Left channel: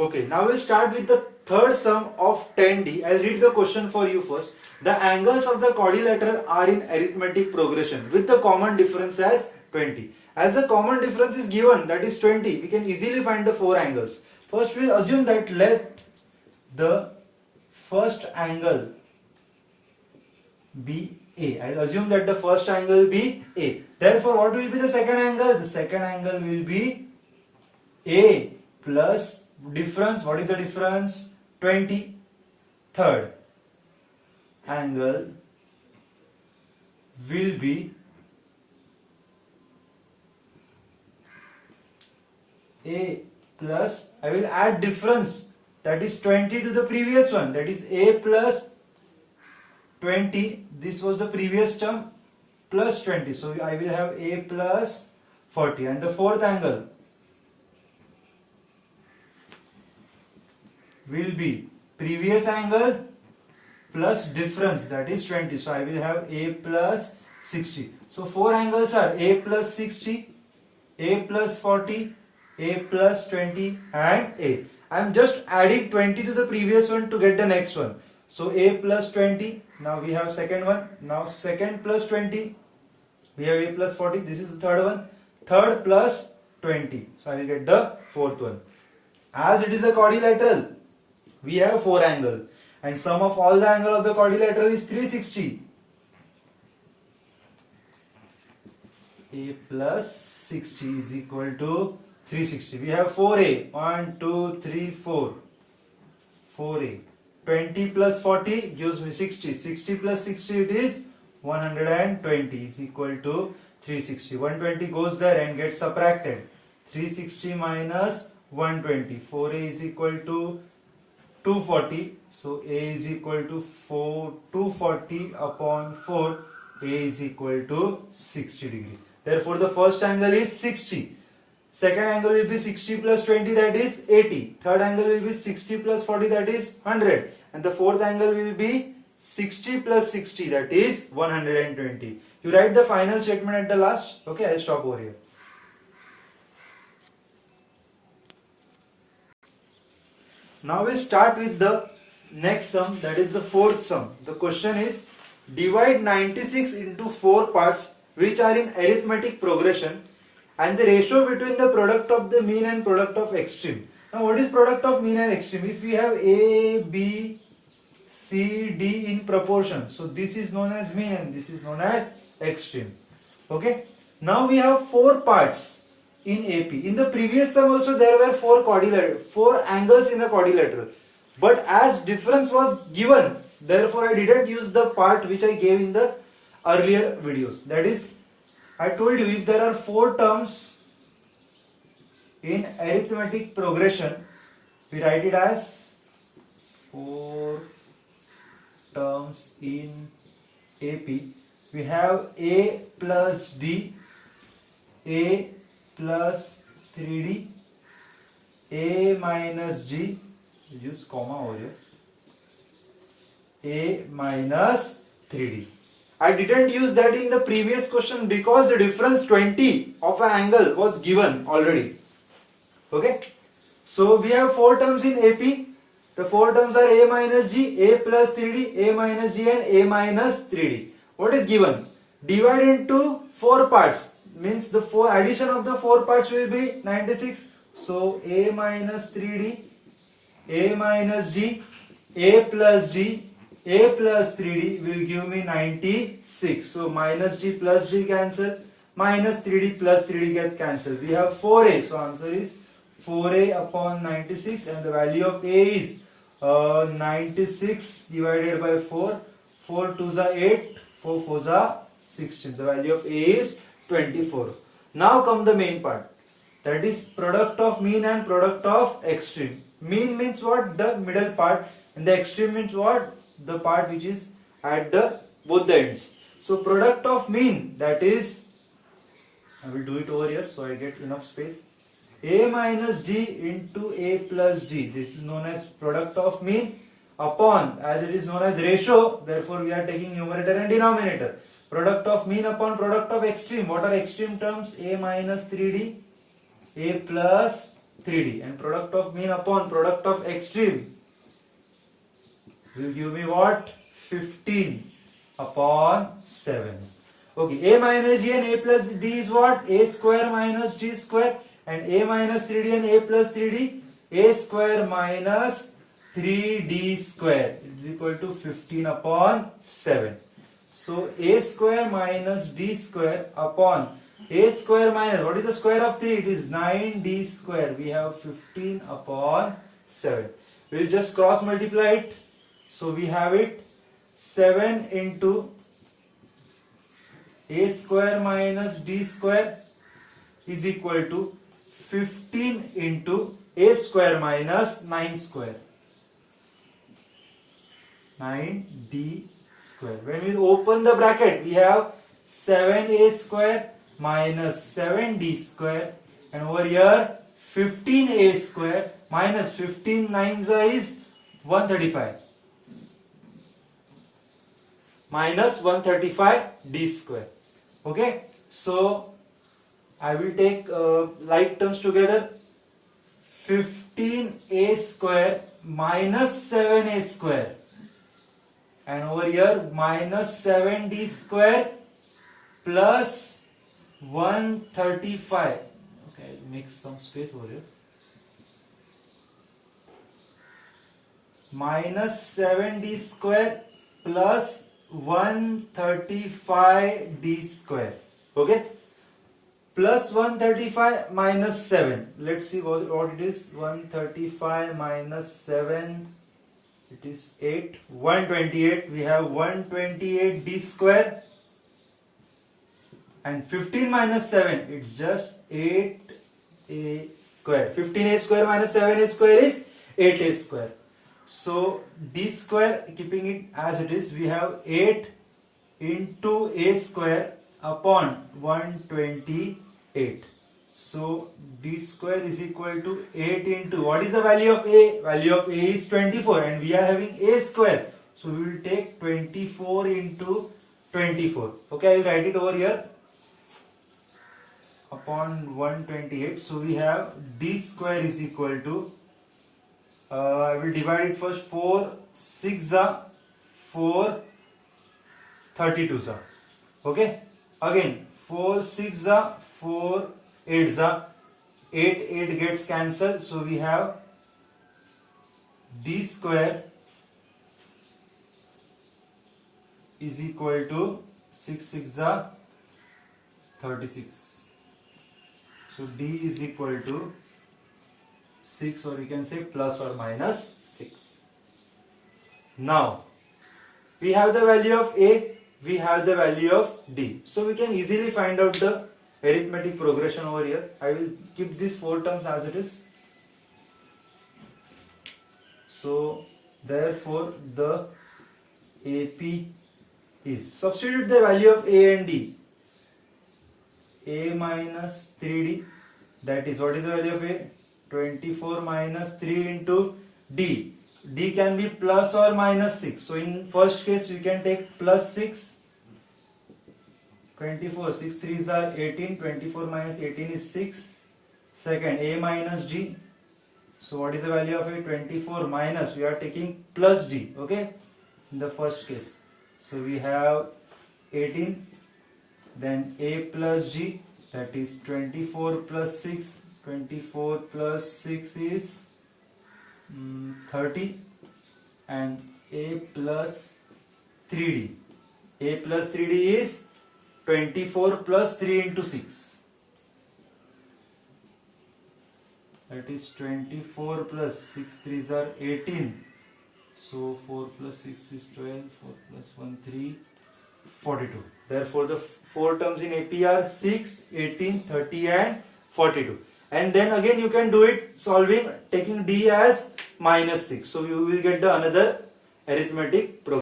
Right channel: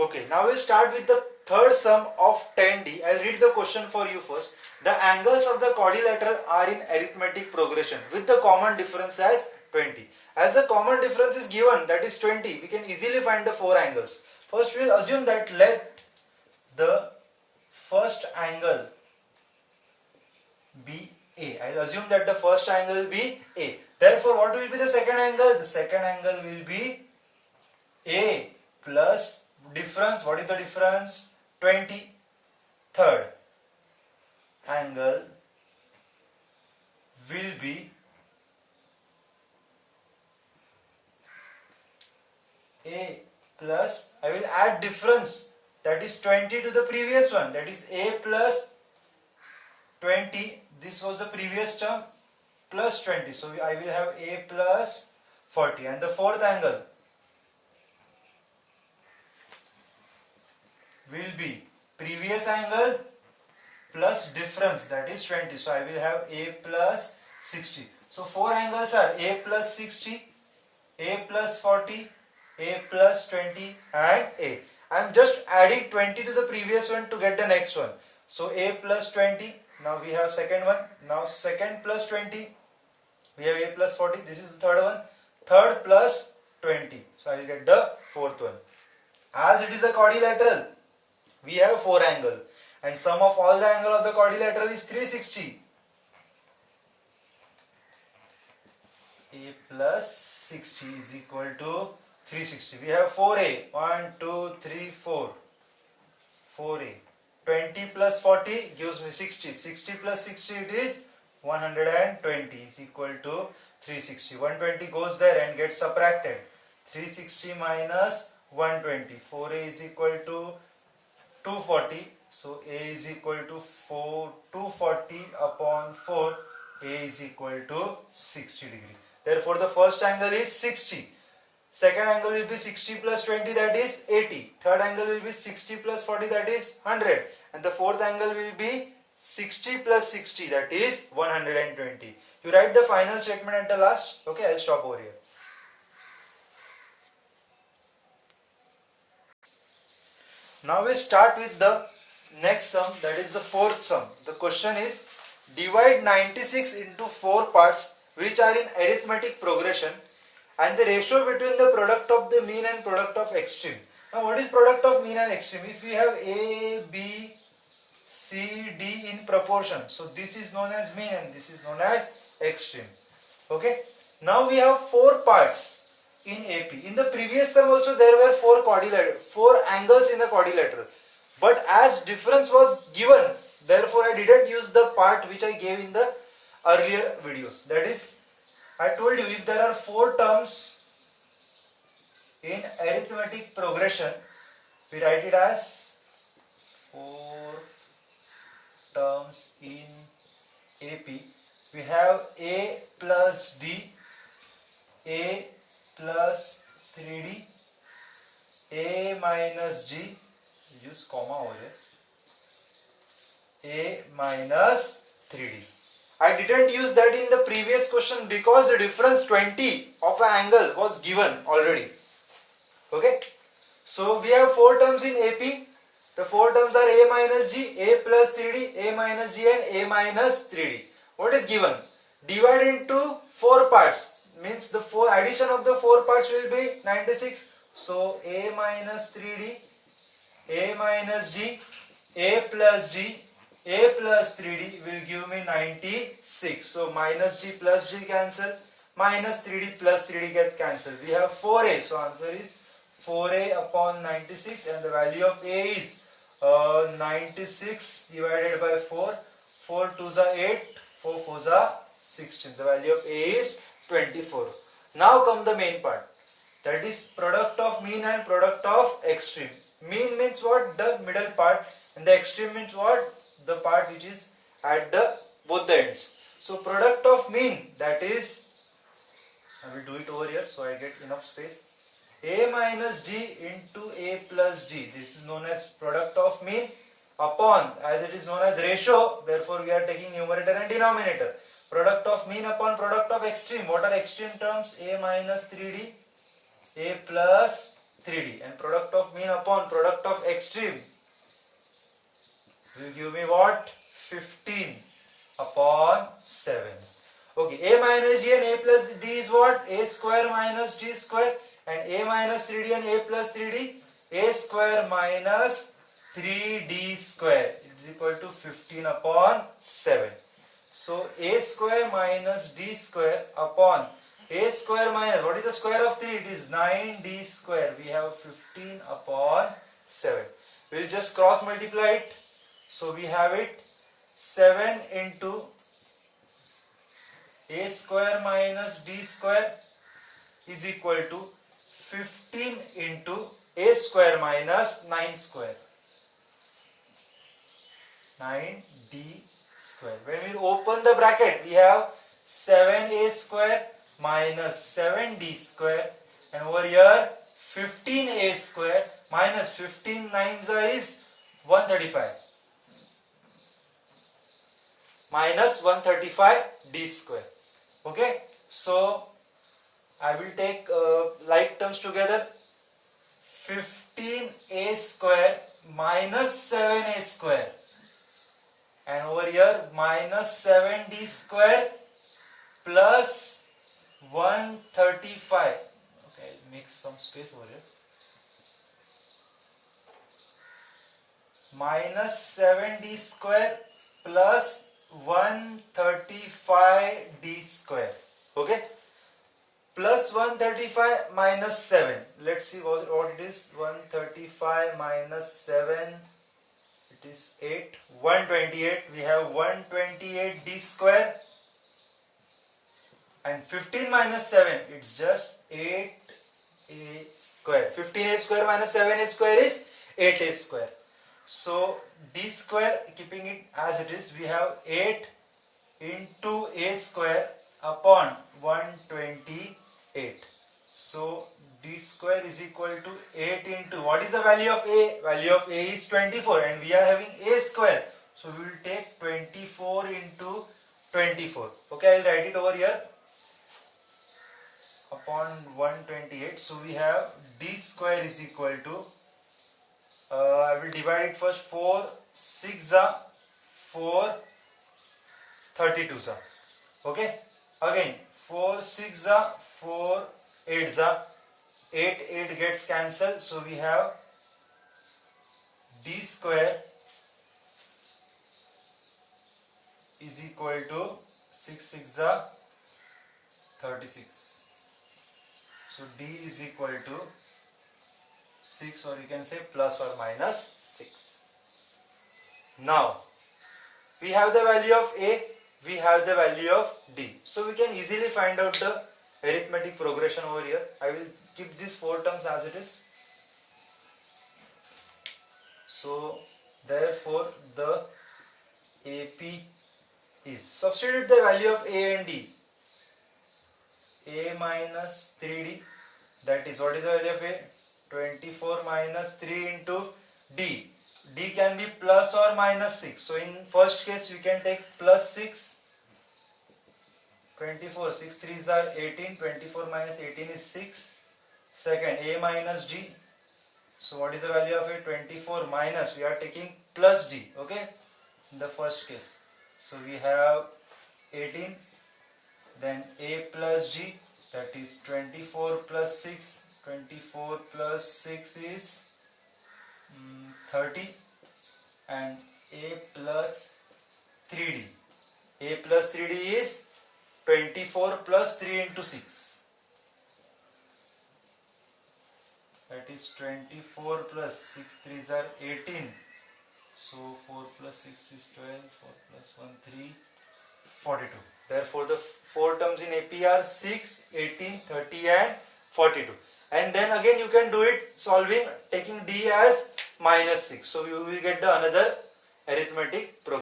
Okay, now we'll start with the third sum of 10D. I'll read the question for you first. The angles of the quadrilateral are in arithmetic progression with the common difference as 20. As the common difference is given, that is 20, we can easily find the four angles. First, we'll assume that let the first angle be A. I'll assume that the first angle be A. Therefore, what will be the second angle? The second angle will be A plus difference. What is the difference? 20. Third angle will be A plus, I will add difference, that is 20 to the previous one, that is A plus 20, this was the previous term, plus 20, so I will have A plus 40. And the fourth angle will be previous angle plus difference, that is 20, so I will have A plus 60. So four angles are A plus 60, A plus 40, A plus 20 and A. I am just adding 20 to the previous one to get the next one. So A plus 20, now we have second one, now second plus 20, we have A plus 40, this is the third one, third plus 20, so I will get the fourth one. As it is a quadrilateral, we have four angles and sum of all the angle of the quadrilateral is 360. A plus 60 is equal to 360. We have 4A. 1, 2, 3, 4. 4A. 20 plus 40 gives me 60. 60 plus 60 it is 120 is equal to 360. 120 goes there and gets subtracted. 360 minus 120. 4A is equal to 240. So A is equal to 240 upon 4. A is equal to 60 degree. Therefore the first angle is 60. Second angle will be 60 plus 20, that is 80. Third angle will be 60 plus 40, that is 100. And the fourth angle will be 60 plus 60, that is 120. You write the final statement at the last. Okay, I'll stop over here. Now we start with the next sum, that is the fourth sum. The question is, divide 96 into 4 parts which are in arithmetic progression and the ratio between the product of the mean and product of extreme. Now what is product of mean and extreme? If we have A, B, C, D in proportion, so this is known as mean and this is known as extreme. Okay. Now we have 4 parts in AP. In the previous sum also there were 4 angles in the quadrilateral. But as difference was given, therefore I didn't use the part which I gave in the earlier videos. That is, I told you if there are 4 terms in arithmetic progression, we write it as 4 terms in AP. We have A plus D, A plus 3D, A minus G, use comma over here, A minus 3D. I didn't use that in the previous question because the difference 20 of an angle was given already. Okay. So we have 4 terms in AP. The 4 terms are A minus G, A plus 3D, A minus G and A minus 3D. What is given? Divide into 4 parts. Means the addition of the 4 parts will be 96. So A minus 3D, A minus G, A plus G, A plus 3D will give me 96. So minus G plus G cancel, minus 3D plus 3D get cancelled. We have 4A. So answer is 4A upon 96 and the value of A is 96 divided by 4. 4 2s are 8, 4 4s are 16. The value of A is 24. Now come the main part. That is product of mean and product of extreme. Mean means what? The middle part, and the extreme means what? The part which is at the both the ends. So product of mean, that is, I will do it over here so I get enough space. A minus G into A plus G. This is known as product of mean upon, as it is known as ratio, therefore we are taking numerator and denominator. Product of mean upon product of extreme. What are extreme terms? A minus 3D, A plus 3D, and product of mean upon product of extreme will give me what? 15 upon 7. Okay, a minus g and a plus d is what? A square minus d square, and a minus 3d and a plus 3d, a square minus 3d square is equal to 15 upon 7. So a square minus d square upon a square minus, what is the square of 3? It is 9d square. We have 15 upon 7. We will just cross multiply it. So we have it 7 into a square minus d square is equal to 15 into a square minus 9 square. 9d square. When we open the bracket, we have 7a square minus 7d square, and over here 15a square minus 15 9s is 135 minus 135d square. Okay, so I will take like terms together. 15a square minus 7a square, and over here minus 7d square plus 135. Okay, I'll make some space over here. Minus 7d square plus 135d square. Okay, plus 135 minus 7. Let's see what it is. 135 minus 7, it is 8. 128. We have 128d square, and 15 minus 7, it's just 8a square. 15a square minus 7a square is 8a square. So d square, keeping it as it is, we have 8 into a square upon 128. So d square is equal to 8 into, what is the value of a? Value of a is 24, and we are having a square. So we will take 24 into 24. Okay, I will write it over here upon 128. So we have d square is equal to, I will divide it first. 4 6 are 4 32 are. Okay, again 4 6 are 4 8 are 8 gets cancelled. So we have d square is equal to 6 6 are 36. So d is equal to 6, or you can say plus or minus 6. Now we have the value of a, we have the value of d. So we can easily find out the arithmetic progression over here. I will keep these 4 terms as it is. So therefore the AP is, substitute the value of a and d. A minus 3d, that is, what is the value of a? 24 minus 3 into d. D can be plus or minus 6. So in first case we can take plus 6. 24, 6 3s are 18. 24 minus 18 is 6. Second, a minus d. So what is the value of a? 24 minus, we are taking plus d. Okay, in the first case. So we have 18. Then a plus g, that is 24 plus 6. 24 plus 6 is 30, and a plus 3d. A plus 3d is 24 plus 3 into 6. That is 24 plus 6 3s are 18. So 4 plus 6 is 12. 4 plus 1 3, 42. Therefore the 4 terms in AP are 6, 18, 30 and 42. And then again you can do it solving taking d as minus 6. So we will get the another arithmetic program.